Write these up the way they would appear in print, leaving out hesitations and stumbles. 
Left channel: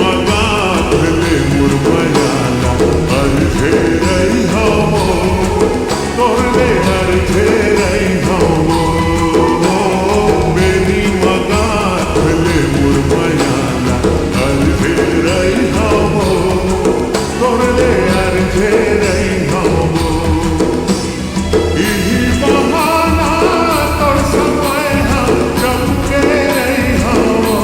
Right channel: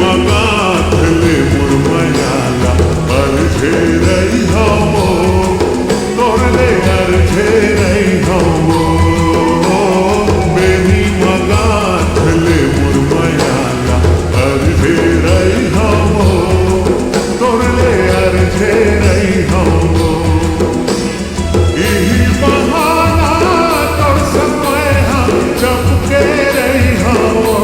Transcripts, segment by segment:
magatle murmayala arjherai havo torle arjherai havo beni magatle murmayala arjherai havo torle arjherai havo ihi bahana tor samay ha chapke rahi havo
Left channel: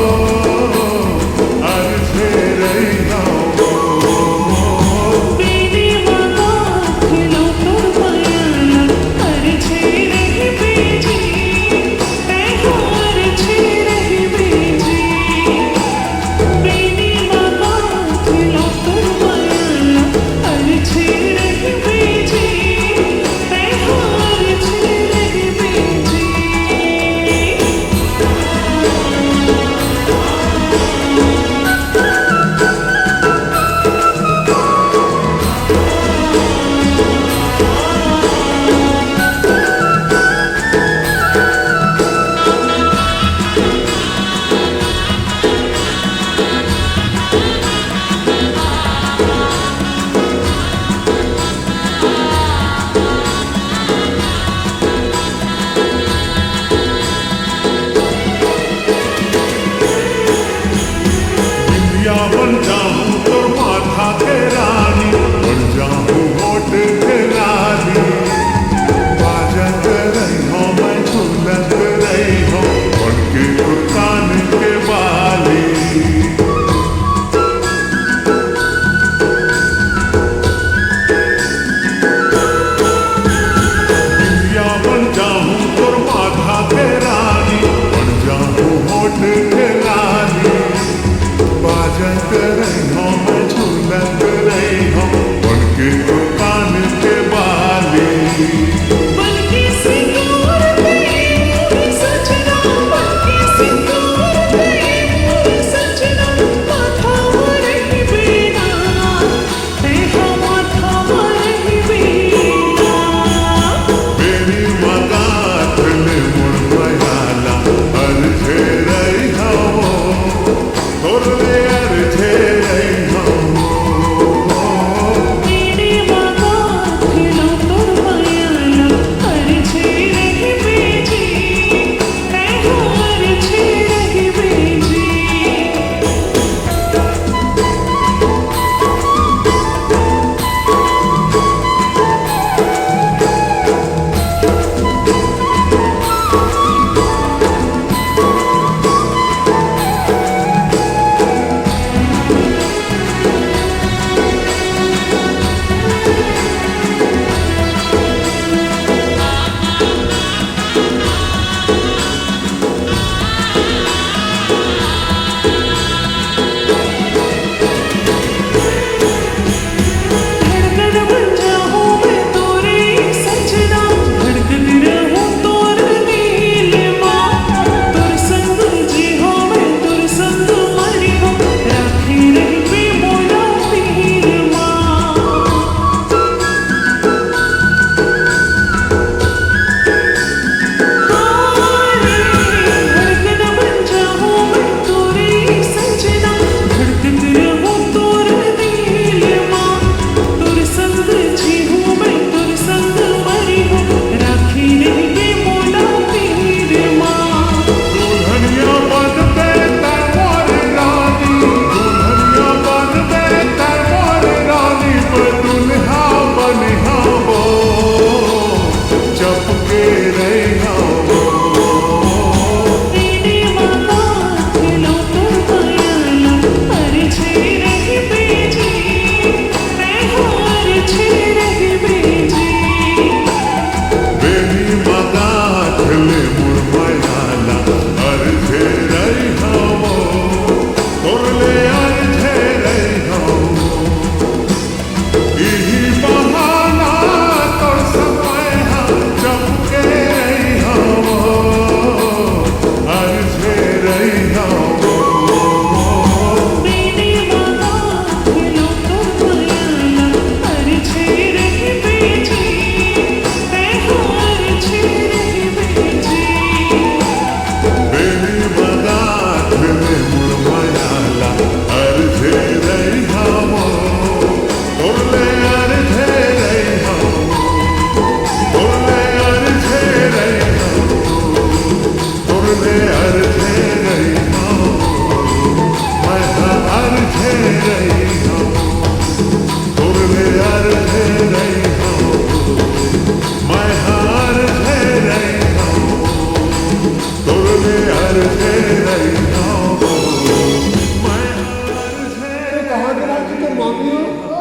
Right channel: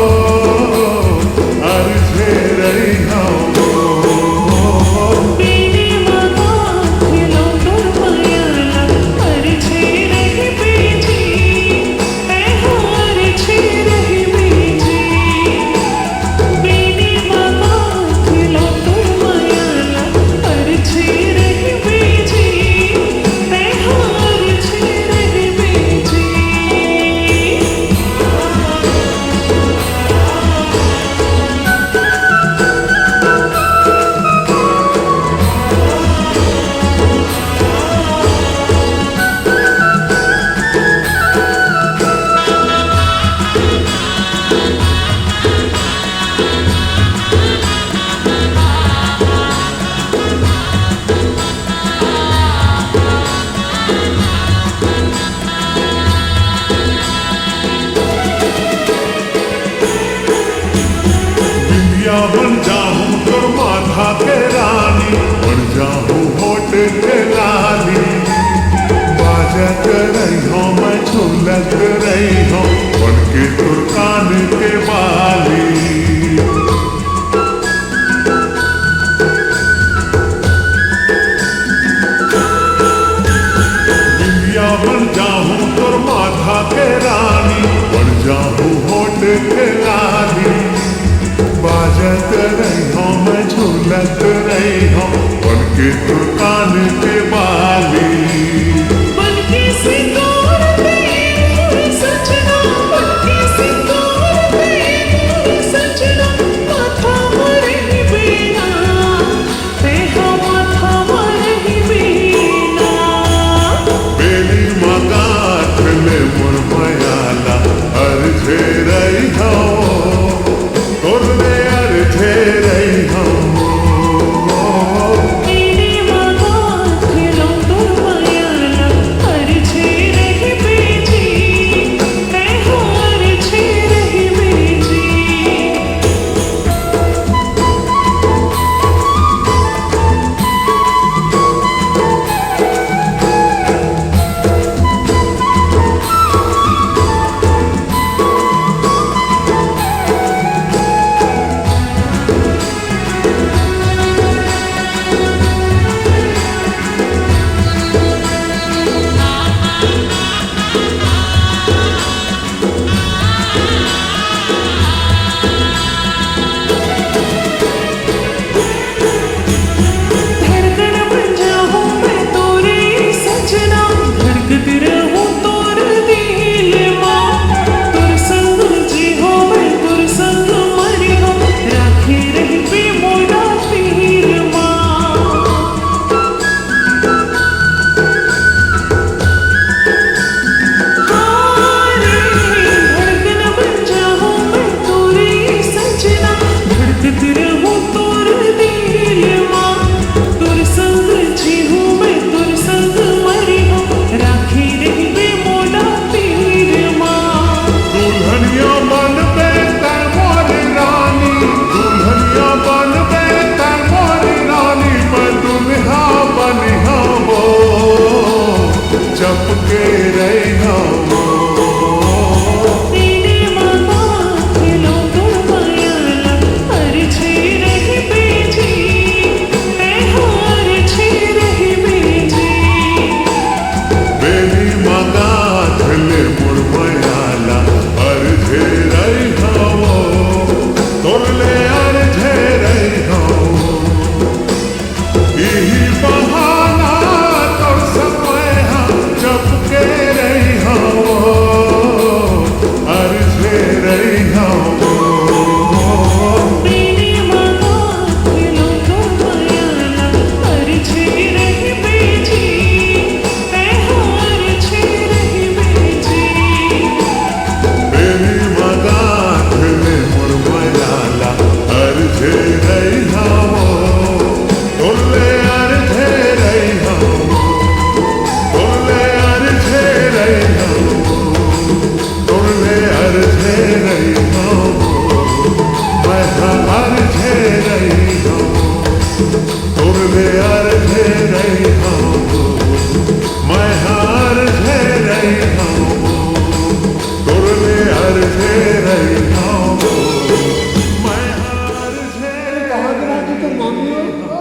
arjherai havo Beni मगा खिलो तुर मायाला अर्झे रही बेजी मैं हार छे रही बेजी बेनी मगा खिलो तुर मायाला अर्झे रही बेजी मैं हार छे रही बेजी बिंदिया बन जाऊं तोर माथा के रानी बन जाऊं होठ के लाली बाजत रही हो मैं झूलत रही हो बन के तुर कान के बाली बिंदिया बन जाऊं तोर माथा के रानी बन जाऊं होठ के लाली बाजत रही हो मैं झूलत रही हो बन के तुर कान के बाली बनके सिंदूर पे मोर सजना बनके सिंदूर पे मोर सजना माथा मरही बिना ते हम माथा मरही बिना Beni magatle murmayala arjherai havo torle arjherai havo Beni मगा खिलो तुर मायाला अर्झे रही बेजी मैं हार छे रही बेजी धड़कन बन जाऊं मैं तोरे सजना धड़कती रहूं तोर दिल मां तोर संग जी हो मैं तोर संग मरी हो राखी रही बे मोला पीर मां हारे धड़कन बन जाऊं मैं तोरे सजना धड़कती रहूं तोर दिल मां तुर संग जी हूँ मैं तुर संग मरी हूँ राखी रही बे मोला पीर माँ दुल्हनिया बन बेतर मोर रानी दुल्हनिया बन बेतर मोर रानी मैं दुल्हा बनिहा वो चपके रही वो बेनी मगा खिलो तुर मायाला अर्झे रही बेजी मैं हार छे रही बेजी Beni magatle murmayala arjherai havo torle arjherai havo ihi bahana tor samay ha chapke rahi havo arjherai havo Beni मगा खिलो तुर मायाला अर्झे रही बेजी मैं हार छे रही बेजी बेनी magatle murmayala arjherai अर्धे रही हवो तुरले अर्धे रही हवो तुरले अर्धे रही हवो तुरले अर्धे रही हवो मैं अर्धे रही हवो तुरले अर्धे रही हवो मैं अर्धे रही हवो तुरले अर्धे रही हवो मैं अर्धे कहाँ की बात की तुम मामी हो?